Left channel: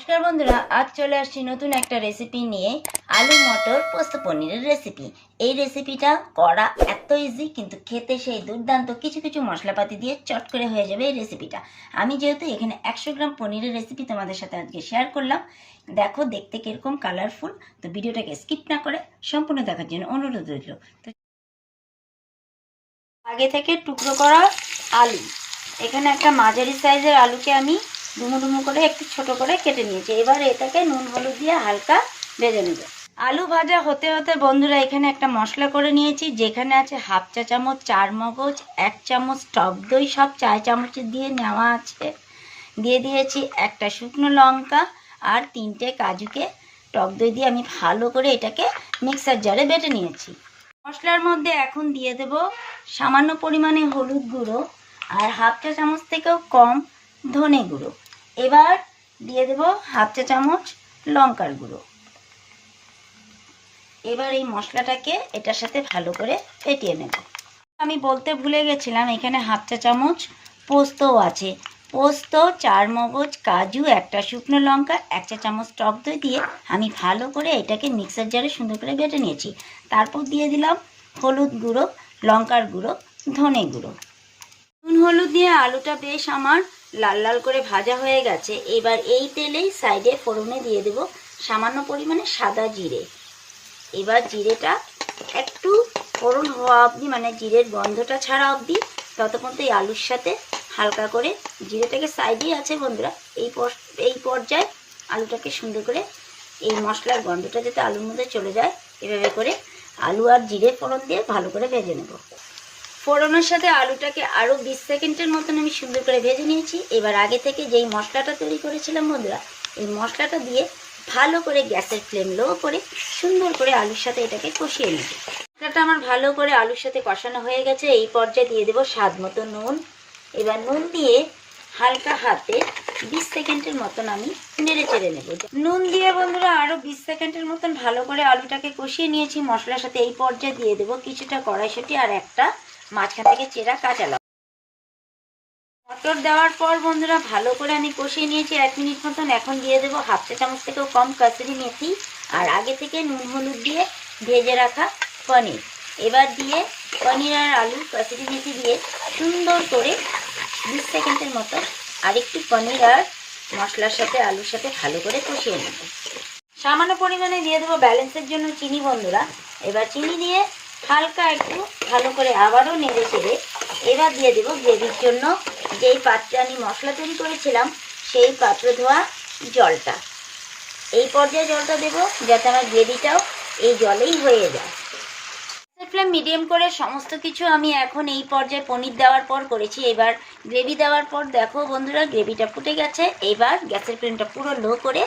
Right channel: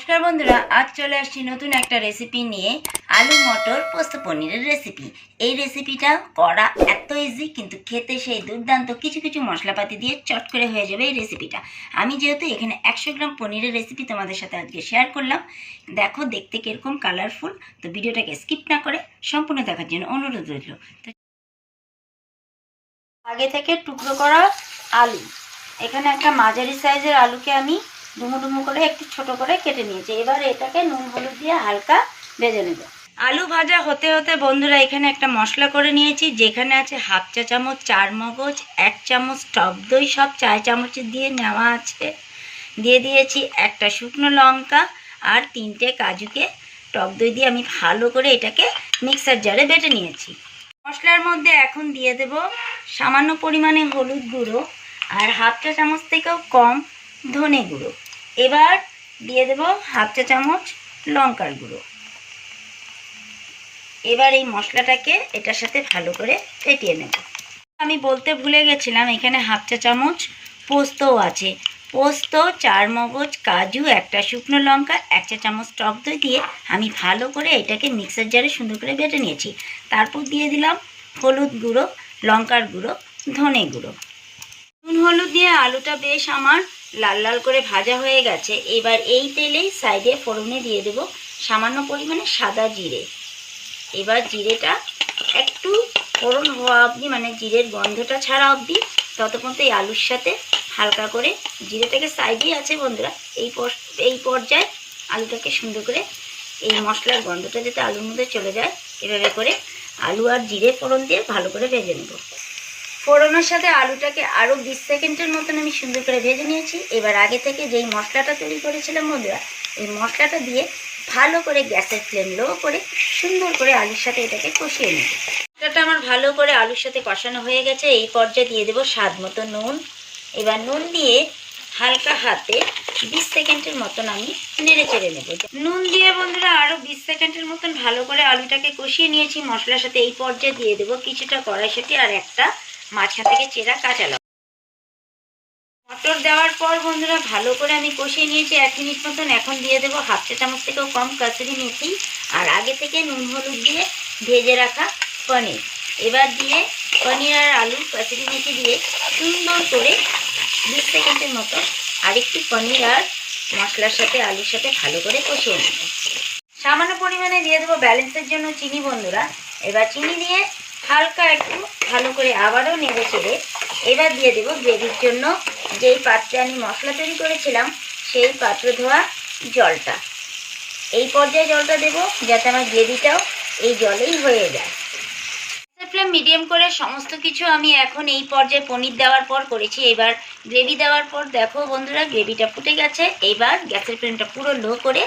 নমস্কার বন্ধুরা, আজ চলে আসছি নতুন একটা রেসিপি নিয়ে। আলু মটর পোস্ত পনিরের রেসিপি। এই রেসিপিটা করা এত ইজি, কিন্তু খেতে সেই দুর্দান্ত। কিছু কিছু মশলাপাতি দিয়ে চট করে হয়ে যাবে এই রেসিপিটা। আমি যেহেতু এখানে 100 গ্রাম পনিরের রেসিপি তোমাদের সাথে আজকে শেয়ার করলাম। দেখো দেখতে কিরকম কালারফুল। তো ভিডিওটাকে স্কিপ না করে সম্পূর্ণ দেখার জন্য অনুরোধ রইল। তো আগে থেকে টুকরো করা আলু, এখানে একটা মাঝারি সাইজের আলুকে আমি ডুমো ডুমো করে একটু ছোট করে কেটে নিয়েছি। এবার এটাকে নুন হলুদ দিয়ে হালকা ভেজে নেব। আলু ভাজা হতে হতে বন্ধুরা এখানে একটা মশলা করে নিয়েছি, যেখানে আছে হাফ চা চামচ চার মগজ, 1 চামচ টক দই, সব 4 চামচ দিয়ে নেওয়া আছে। দিয়ে দিয়েছি একটা শুকনো লঙ্কা আর 3টে কাজুকে টক দই দিয়ে আমি ভালো করে এটাকে মিক্সার জারে বেটে নিয়েছি। মশলার মধ্যে এখন দিয়ে দেব সামান্য পরিমাণে হলুদ গুঁড়ো আর হাফ চা চামচ থেকেও কম ধনে গুঁড়ো। এবার দিয়ে দেব হাফ চা চামচ লঙ্কার গুঁড়ো। এবার এই মশলাটাকে এটার সাথে ভালো করে ফেটিয়ে নেব। আমি বলতে ভুলে গেছিলাম, এখানে হাফ চা চামচ পোস্তও আছে। পোস্ত, 4 মগজ, কাজু, একটা শুকনো লঙ্কা, 1 চা চামচ টক দই দিয়ে আমি ভালো করে এটাকে মিক্সার জারে সুন্দর করে বেটে নিয়েছি। তারপর দিয়ে দিলাম হলুদ গুঁড়ো, লঙ্কার গুঁড়ো, ধনে গুঁড়ো। নুন হলুদ দিয়ে আলুটা বেশ আমার লাল লাল করে ভাজা হয়ে গেছে। এবার এই তেলেই সাইডে ফোড়নে দিয়ে দেব সামান্য পরিমাণে সাদা জিরে। এবার জিরেটা একটু ফোড়ন হওয়া অবধি, মানে জিরের গন্ধটা ছাড়া অবধি, ততক্ষণ এই আলুর সাথে হালকা করে জিরেটাকে সাইডে আছে বন্ধুরা। এই পর্যায়ে আলুটাকে সুন্দর করে এই মশলার গন্ধটা যাতে আলুর মধ্যে চলে যায়, এভাবে করে আলু আর জিরে ফোড়ন দিয়ে ভালো করে ভেজে নেব। ফোড়নের সাথে আলুটাকে আরও 20 সেকেন্ডের মতন আমি সুন্দর করে ভেজে নিয়েছি। এবার আগে থেকে যেই মশলাটা তৈরি করেছিলাম বন্ধুরা, এই মশলাটা দিয়ে ভালো করে গ্যাসের ফ্লেম লো করে সুন্দর করে আলুর সাথে এটাকে কষিয়ে নেব। মশলাটা আমার ভালো করে আলুর সাথে কষানো হয়ে গেছে। এই পর্যায়ে দিয়ে দেবো স্বাদ মতো নুন। এবার নুন দিয়ে হালকা হাতে 20 সেকেন্ডের মতন আমি নেড়ে চেড়ে নেব। নুন দিয়ে বন্ধুরা আরও 20 সেকেন্ডের মতন ভালো করে আলুটাকে কষিয়ে নিয়েছি মশলার সাথে। এই পর্যায়ে দিয়ে দেবো কিছুটা কড়াইশুঁটি আর একটা মাঝখান থেকে চেরা কাঁচা লঙ্কা। মটর দেওয়ার পর বন্ধুরা ভালো করে আমি কষিয়ে নিয়েছি 1 মিনিট মতন। এখন দিয়ে দেবো হাফ চা চামচ থেকেও কম কাসুরি মেথি আর আগে থেকে নুন হলুদ দিয়ে ভেজে রাখা পনির। এবার দিয়ে পনির আর আলু কাসুরি মেথি দিয়ে সুন্দর করে 20 সেকেন্ডের মতো আরেকটু পনির আর মশলার সাথে আলুর সাথে ভালো করে কষিয়ে নেব। সামান্য পরিমাণে দিয়ে দেবো ব্যালেন্সের জন্য চিনি বন্ধুরা। এবার চিনি দিয়ে হালকা একটু ভালো করে আবারও নেড়ে চেড়ে এবার দিয়ে দেবো গ্রেভির জন্য যেই পাত্রে আমি মশলা তৈরি করেছিলাম সেই পাত্র ধোয়া জলটা। এই পর্যায়ে জলটা দেবো যাতে আমার গ্রেভিটাও এই জলেই হয়ে যায়। ফ্লেম মিডিয়াম করে সমস্ত কিছু আমি এখন এই পর্যায়ে পনির দেওয়ার পর করেছি। এবার গ্রেভি দেওয়ার পর দেখো বন্ধুরা গ্রেভিটা ফুটে গেছে। এবার গ্যাসের ফ্লেমটা পুরো লো করে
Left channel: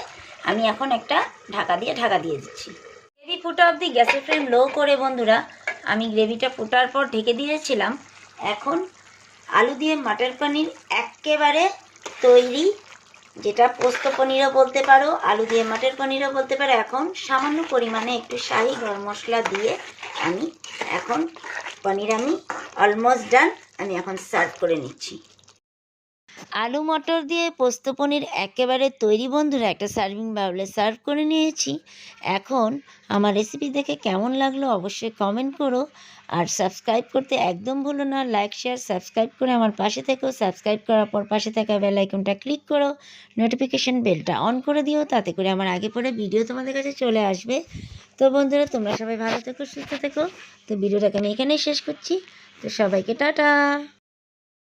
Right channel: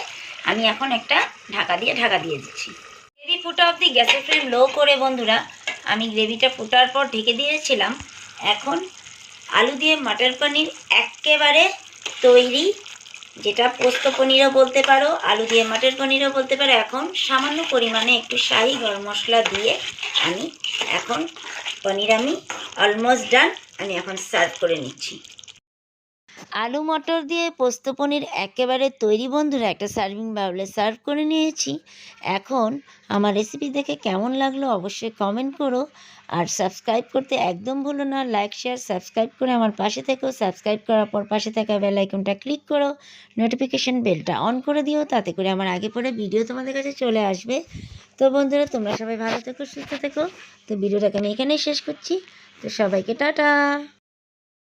আমি এখন একটা ঢাকা দিয়ে দিচ্ছি। গ্রেভি ফুটা অবধি গ্যাসের ফ্লেম লো করে বন্ধুরা আমি গ্রেভিটা ফুটার পর ঢেকে দিয়েছিলাম। এখন আলু দিয়ে মটর পনির একেবারে তৈরি, যেটা পোস্ত পনিরও বলতে পারো, আলু দিয়ে মটর পনিরও বলতে পারো। এখন সামান্য পরিমাণে একটু শাহি গরম মশলা দিয়ে আমি এখন পনির আমি অলমোস্ট ডান, আমি এখন সার্ভ করে নিচ্ছি। আলু মটর দিয়ে পোস্ত পনির একেবারে তৈরি বন্ধুরা। একটা সার্ভিং বাউলে সার্ভ করে নিয়েছি। এখন আমার রেসিপি দেখে কেমন লাগলো অবশ্যই কমেন্ট করো আর সাবস্ক্রাইব করতে একদম ভুলো না। লাইক শেয়ার সাবস্ক্রাইব করে আমার পাশে থেকো। সাবস্ক্রাইব করার পর পাশে থাকা বেল আইকনটা ক্লিক করো, নোটিফিকেশন বেলটা অন করে দিও, তাতে করে আমার আগে পরে ভিডিও তোমাদের কাছে চলে আসবে। তো বন্ধুরা তোমরা সবাই ভালো থেকো, সুস্থ থেকো। তো ভিডিওটাকে আমি এখানেই শেষ করছি। তো সবাইকে টাটা।